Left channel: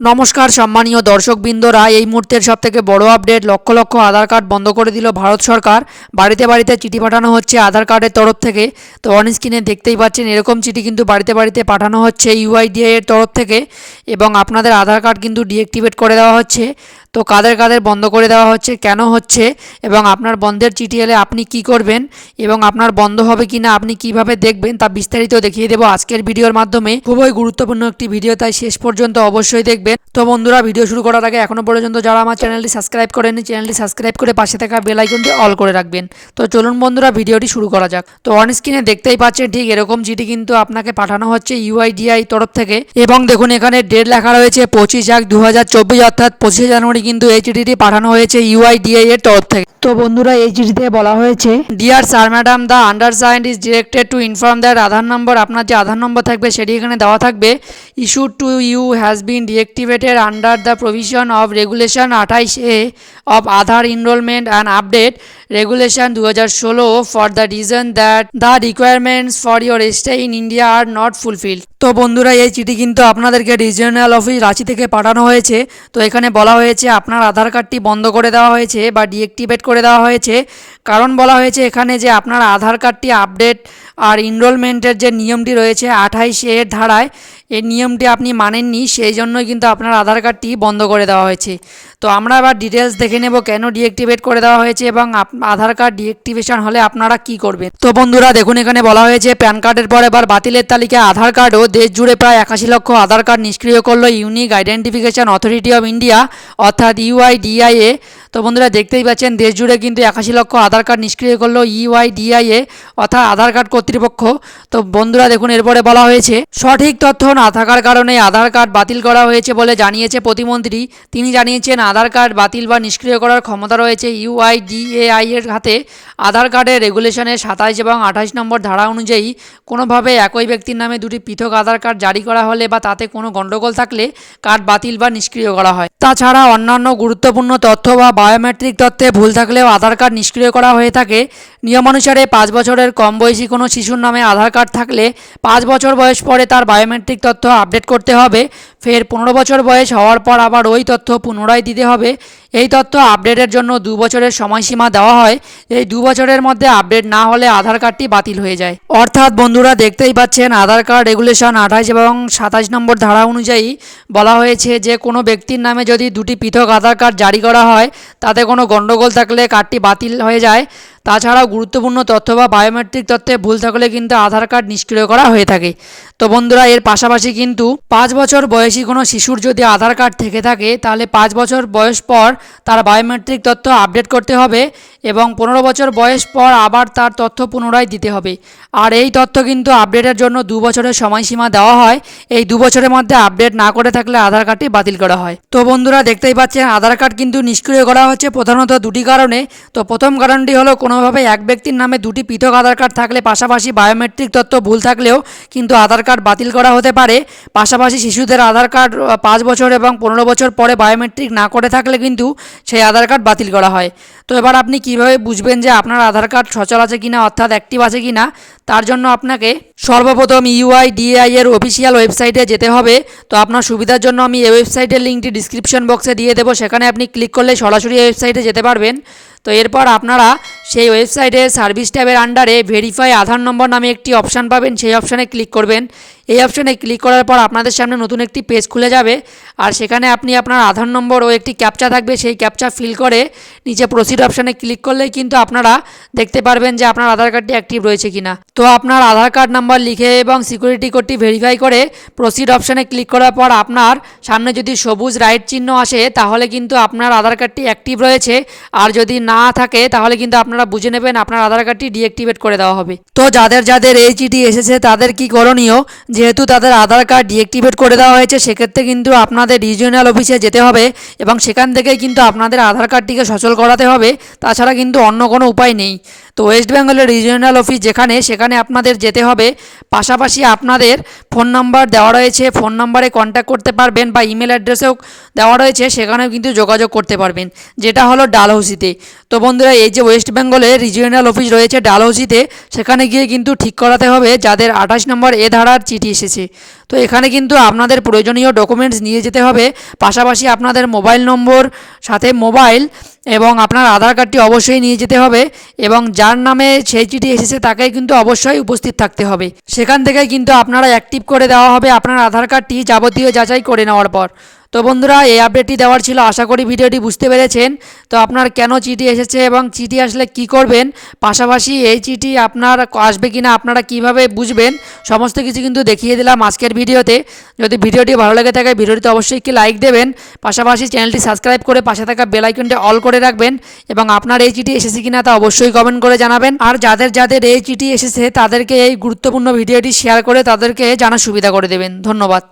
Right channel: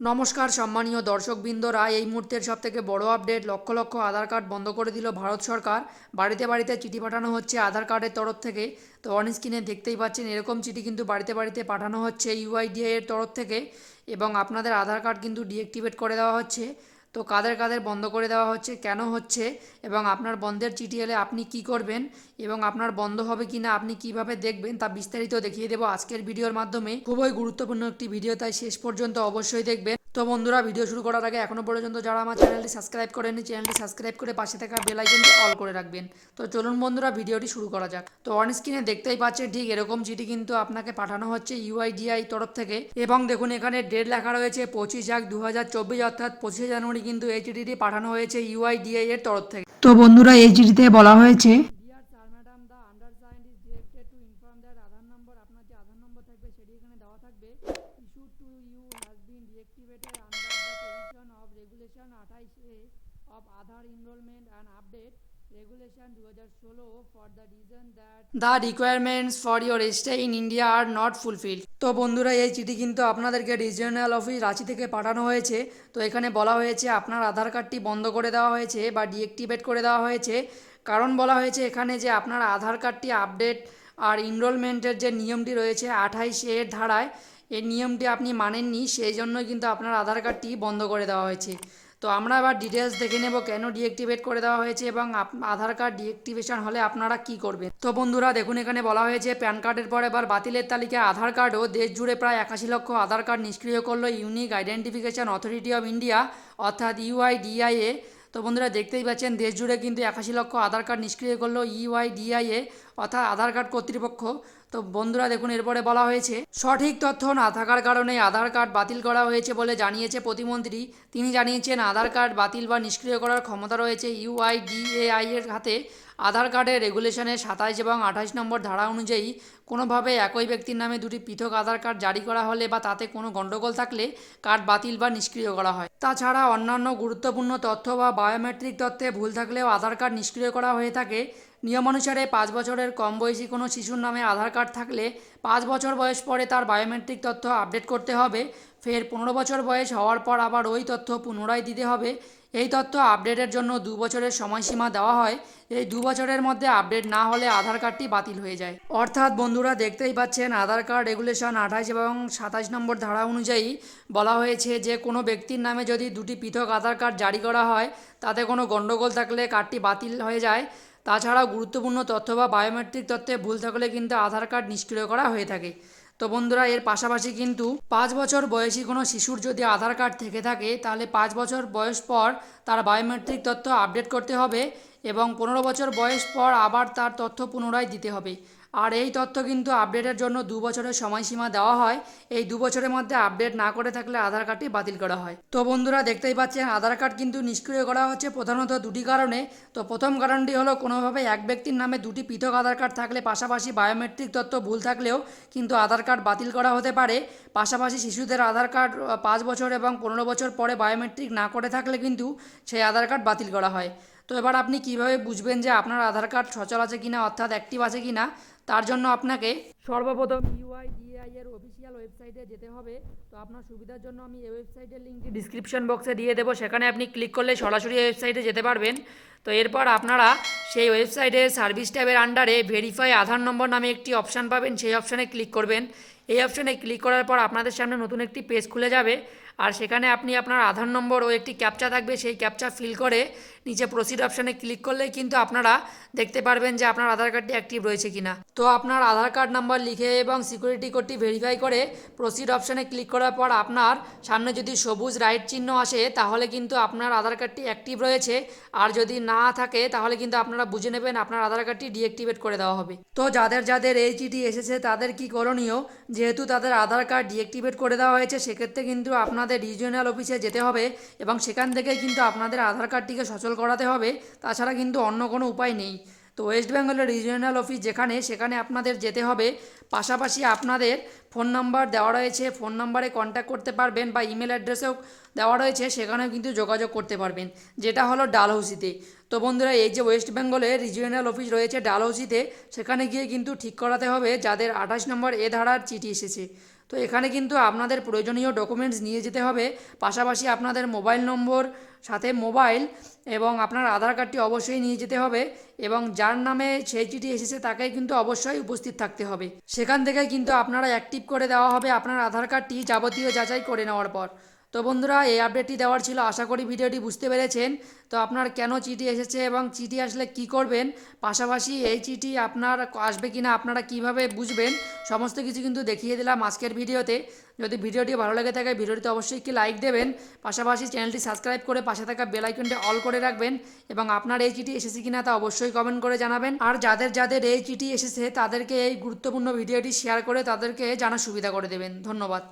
নমস্কার সম্মানীয় দর্শকবৃন্দরা, এই মুহূর্তের সবথেকে বড় আপডেট, লক্ষ লক্ষ আধার কার্ড বন্ধ করে দিল ভারত সরকার। বাড়িতে বাড়িতে চিঠি পাঠানো হচ্ছে আধার কার্ডের তরফ থেকে। তো অন স্ক্রিনে দেখতেই পাচ্ছেন এরকম চিঠি কিন্তু বাড়িতে বাড়িতে পাঠানো হচ্ছে ইউআইডিআই এর তরফ থেকে, এবং আপনাদের আধার কার্ড কিন্তু ডিঅ্যাক্টিভেট করে দেওয়া হচ্ছে। তো কাদের কাদের বন্ধ করে দেওয়া হচ্ছে, কেন হচ্ছে, এবং আপনার বন্ধের চিঠি এলে আপনি কি করবেন, এবং আপনার বন্ধ হবে কিনা আপনি কিভাবে দেখবেন, তা বিস্তারিত দেখিয়ে দেবো আজকের ভিডিওর মাধ্যমে। খুবই গুরুত্বপূর্ণ একটি ভিডিও, তাই শেষ পর্যন্ত অবশ্যই দেখবেন। তো বন্ধুরা, ভিডিও শুরু করার আগে এখনো পর্যন্ত যারা আমার চ্যানেলটি সাবস্ক্রাইব করেননি, চ্যানেলটি সাবস্ক্রাইব করে পাশে থাকা বেল আইকনটি অল করে রাখবেন। তো চলুন বন্ধুরা, ভিডিওটি শুরু করা যাক। তো অন স্ক্রিনে দেখতেই পাচ্ছেন ঠিক এরকম চিঠি কিন্তু আপনাকে পাঠানো হচ্ছে ইউআইডিআই তরফ থেকে, এবং দেখুন এখানে ডেট লেখা রয়েছে 25/1/2024, অর্থাৎ 25 জানুয়ারি কিন্তু এই চিঠিটি পাঠানো হয়েছে ইউআইডিআই এর তরফ থেকে। তো বন্ধুরা, এই চিঠিতে বলা হয়েছে, dear sir madam, the undersigned is directed to inform that Aadhaar number, আপনার যে আধার নম্বর থাকবে সেটি এখানে দেওয়া থাকবে, issued to you has been deactivated under the provision of regulation 28A of Aadhaar enrolment and update regulation 2016 for the reason that the requirements for your stay in India are not fulfil. তো বন্ধুরা, এই চিঠি কিন্তু আপনাদেরকে regional office Ranchi থেকে পাঠানো হয়েছে। তো এখানে বলা হয়েছে আপনার আধার কার্ডটি বন্ধ করে দেওয়া হয়েছে বা ডিএক্টিভেট করে দেওয়া হয়েছে। কারণ বলা হয়েছে এখানে যে আপনার আধার কার্ডটি আপডেট আর এনরোলমেন্টের যে নিয়মটি রয়েছে 28A এর ধারায়, এই নিয়মটি আপনি মানেননি, সেই জন্যই কিন্তু আপনার আধার কার্ডটি বন্ধ করে দেওয়া হয়েছে। তো আমরা আবার ডিটেলস দেখে নেব কেন ডিএক্টিভেট করে দেওয়া হয়েছে এবং আধার কার্ড ডিএক্টিভেশন হলে আপনারা কি করবেন। তো বন্ধুরা দেখুন, এখানে বলা হয়েছে প্যান কার্ডের পর এবার বাতিলের তালিকায় আধার কার্ডও। দেশ জুড়ে প্রায় 81 লক্ষ আধার কার্ড নিষ্ক্রিয় করলো unique identification authority of India, অর্থাৎ ইউআইডিআইএ। তো বন্ধুরা দেখতেই পাচ্ছেন দেশ জুড়ে কিন্তু 81 লক্ষ আধার কার্ড নিষ্ক্রিয় করলো ইউআইডিআইএ, অর্থাৎ আধার কার্ড কর্তৃপক্ষ। তো বন্ধুরা দেখুন এরপরে বলা হয়েছে সঠিক তথ্য না থাকার কারণে আধার কার্ড বাতিল করা হয়েছে বলে জানিয়েছে প্রতিমন্ত্রী। তিনি জানিয়েছেন আধার কার্ড বাতিল বা নিষ্ক্রিয় করার ক্ষমতা রয়েছে ইউআইডিএআই এর হাতে। আধার কার্ডের রেগুলেশনের 27 এবং 28 নম্বর ধারা অনুযায়ী কোনোভাবে একই ব্যক্তির নামে দুটি পৃথক আধার কার্ড জারি করা হলে বা তাতে কোনো গণ্ডগোল থাকলে কার্ড বাতিল বা নিষ্ক্রিয় করা হয়। তাছাড়া অন্যান্য গুরুত্বপূর্ণ তথ্য বা বায়োমেট্রিক তথ্যে ভুল থাকলেও আধার কার্ড নিষ্ক্রিয় করা হয়ে থাকে। নিয়মানুসারে 5 বছরের কম বয়সী কোনো শিশুর নামে আধার কার্ড থাকলে 5 বছর বয়স পরে তার বায়োমেট্রিক তথ্য আপডেট করতে হবে। ফের 15 বছর বয়স হওয়ার পর আবার ওই তথ্য পুনরায় দিতে হবে। এই তথ্য আপডেটের জন্য 2 বছরের সময়সীমা দেওয়া হয়। এই 2 বছরের মধ্যে আপডেট না হলে আধার কার্ডটি বাতিল হয়ে যায়। অর্থাৎ বন্ধুরা দেখতেই পাচ্ছেন আধার কার্ড রেগুলেশন 28 এবং 27 নম্বর ধারা অনুযায়ী বলা হয়েছে যে কোনো ব্যক্তির নামে যদি দুটি পৃথক আধার কার্ড জারি করা হয়, তাতে কোনো গণ্ডগোল থাকলে কার্ডটি বাতিল হয়ে যায়। তাছাড়াও গুরুত্বপূর্ণ তথ্য বা বায়োমেট্রিক তথ্যে ভুল থাকলে কিন্তু আধার কার্ড নিষ্ক্রিয় করা হয়ে থাকে। তো বন্ধুরা, এর পাশাপাশি কিন্তু 5 বছর বয়সী কোনো শিশুর যদি আধার কার্ড থেকে থাকে, তাহলে 5 বছর বয়স পর তার বায়োমেট্রিক তথ্য আপডেট করতে হবে, এবং 15 বছর বয়স পর আবার তার তথ্য পুনরায় দিতে হবে। আর এই তথ্য কিন্তু আপডেটের জন্য 2 বছরের সময়সীমা দেওয়া হয়। এই 2 বছরের মধ্যে আপডেট না করে থাকলে আধার কার্ডটি বাতিল করা হয়। তো বন্ধুরা দেখতেই পাচ্ছেন আধার কার্ড কিন্তু নিষ্ক্রিয় করা হচ্ছে প্রধানত দুটি কারণে। তো প্রথম কারণটি হলো কোনোভাবে এক ব্যক্তির নামে দুটি পৃথক আধার কার্ড থাকলে পাশাপাশি বায়োমেট্রিক তথ্য ভুল থাকলেও কিন্তু আধার কার্ড বাতিল করা হতে পারে। পাশাপাশি শিশুদের আধার কার্ড 5 বছর এবং 15 বছর পরে বায়োমেট্রিক না করে থাকলে কিন্তু সেই আধার কার্ড বাতিল করা হয়। তো এবার আপনি কিভাবে বুঝবেন যে আপনার আধার কার্ড সচল আছে কিনা, অর্থাৎ অ্যাক্টিভ আছে কিনা? তার জন্য আপনাকে সর্বপ্রথম ইউআইডিএআই এর অফিসিয়াল ওয়েবসাইটে যেতে হবে। তো আপনার সুবিধার জন্য আমি এই ওয়েবসাইটের লিঙ্কটি ডিসক্রিপশন বক্সে দিয়ে দেবো, সেখানে আপনি ক্লিক করলে সরাসরি ওয়েবসাইটে যেতে পারবেন। তো এরপর আপনারা সেই ওয়েবসাইটে সার্ভিস ট্যাবের আন্ডারে ভেরিফাই আধার নম্বর নামে একটি অপশান পাবেন, সেই অপশানে ক্লিক করবেন। এই অপশানে ক্লিক করার পর আপনাদের সামনে নতুন একটি পেজ খুলে যাবে, আর সেখানে আপনি আপনার আধার নম্বর ও একটি ক্যাপচা থাকবে, সেই ক্যাপচা ফিল করে নিচে প্রসিড অপশানে ক্লিক করলেই কিন্তু আপনারা দেখতে পারবেন যে আপনার আধার কার্ডটি অ্যাক্টিভ রয়েছে কিনা। তো আপনার আধার কার্ড নাম্বার লিখে এবং সিকিউরিটি কোডটি ভেরিফাই করে প্রসিড অপশানে ক্লিক করার পর আপনার সামনে যদি সবুজ রাইট চিহ্ন আসে, তাহলে কিন্তু আপনার আধার কার্ডটি অ্যাক্টিভ রয়েছে। আর যদি না থাকে তাহলে কিন্তু আপনারা বুঝে নেবেন আপনার আধার কার্ডটি ডিঅ্যাক্টিভেট করে দেওয়া হবে। তো যাদের যাদের এই চিঠি এসেছে তাদের কি করণীয়? যেহেতু তাদের আধার কার্ড ডিঅ্যাক্টিভেট করে দেওয়া হয়েছে, সেক্ষেত্রে কিন্তু আপনাদের রিজিওনাল অফিসে যেতে হবে এবং সেখান থেকে কিন্তু আপনাদের আধার কার্ডটিকে সচল করাতে হবে। তাছাড়া কিন্তু অন্য কোনো উপায় নেই। তো ওয়েস্ট বেঙ্গলের রিজিওনাল অফিস সেখানে আপনাদের যেতে হবে। পাশাপাশি আপনাদের ফোন নাম্বার দেওয়া রয়েছে, ফোন নাম্বারে কন্ট্যাক্ট করতে পারবেন, বা ইমেল অ্যাড্রেসেও দেওয়া রয়েছে, সেখানেও কিন্তু যোগাযোগ করতে পারবেন, যেটা হলো ডালহৌসিতে। তো বন্ধুরা, এই যে ওয়েস্ট বেঙ্গলের রিজিওনাল অফিস রয়েছে ডালহৌসিতে, সেখানে গিয়ে কিন্তু ঠিক করাতে হবে যাদের 28 নম্বর এ ধারার চিঠি এসেছে। তো এখানে কিন্তু আপনাদের প্রয়োজনীয় ডকুমেন্টস নিয়ে যেতে হবে, পাশাপাশি আপনাদের মোবাইল নম্বর, সাথে মোবাইল এবং আপনার আধার কার্ডটি অবশ্যই নিয়ে যেতে হবে, এবং যার নামে সেই চিঠি এসেছে তাকে কিন্তু অবশ্যই উপস্থিত থাকতে হবে। সেখান থেকে কিন্তু আপনারা অ্যাক্টিভ করে দেওয়া হবে আপনার আধার কার্ডটি যাবতীয় যাচাই করে নেওয়ার পর। তো বন্ধুরা, এই আপডেটটি দেওয়ার ছিল, আশা করি ভিডিওটি বুঝতে পেরেছেন। তো আপনার কেন চিঠি এসেছে এবং চিঠি আসলে কি করবেন, পাশাপাশি এই চিঠি আপনার আসবে কিনা আপনারা কিভাবে বুঝবেন, সমস্ত কিছু কিন্তু দেখিয়ে দিলাম আজকের ভিডিওতে। যদি ভিডিওটি ভালো লেগে থাকে ভিডিওটিতে অবশ্যই একটি লাইক দেবেন, পাশাপাশি চ্যানেলটি সাবস্ক্রাইব করে পাশে থাকা বেল আইকনটি অল করে রাখবেন, এবং আপনার এই চিঠি এসেছে কিনা তা অবশ্যই কমেন্ট করে জানাবেন। আর যাদের যাদের এই চিঠি এসেছে তাদেরকে এই গুরুত্বপূর্ণ ভিডিওটি শেয়ার করে তাদেরকে জানার সুবিধা করে দেবেন। ধন্যবাদ।